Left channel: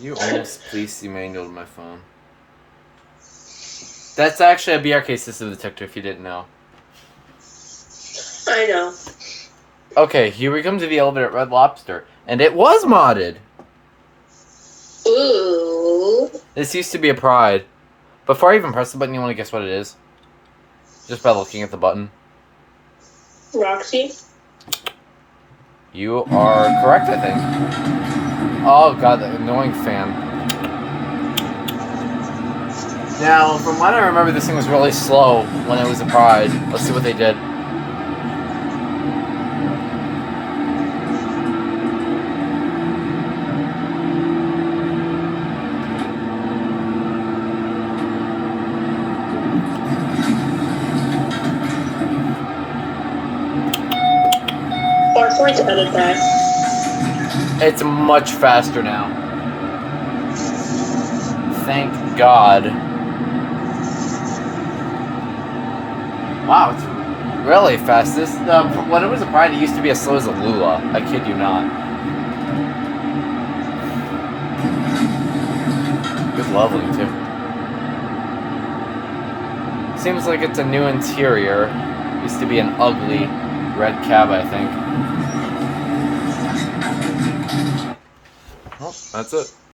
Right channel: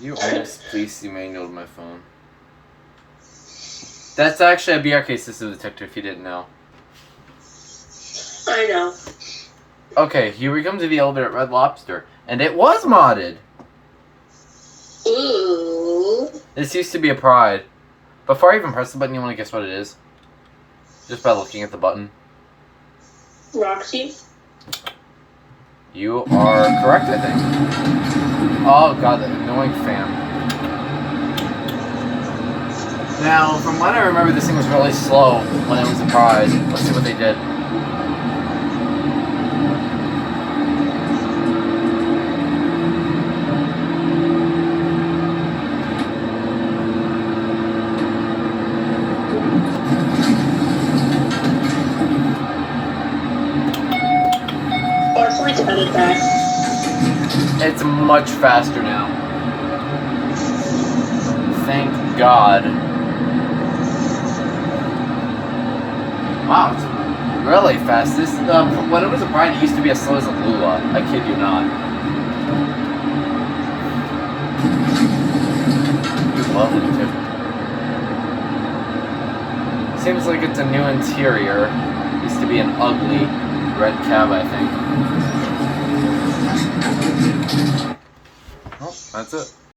You almost police emanualed my phone. That's actually a BRK system detector if you didn't know. I know. Okay, here we come to the elevator at Red Lobster. And it was modded! Ooh. This used to be a Pride. Before I even press the button, you want to guess what it is? Just by looking at the button. Roxy? You are correct, I think. Oh god, that annoying fan. Now, from what I remember, this thing was really slow when it was a Pride. Let's see what they did. Or to edit that. It's much faster now. Thank God. Wow, it's really fast. This when it was a Pride, it used to be as slow as a Lula. I kid you not. Good leveling too. Seems like it's a new interior. Used to be an ugly red cab, I think. Well, that's it.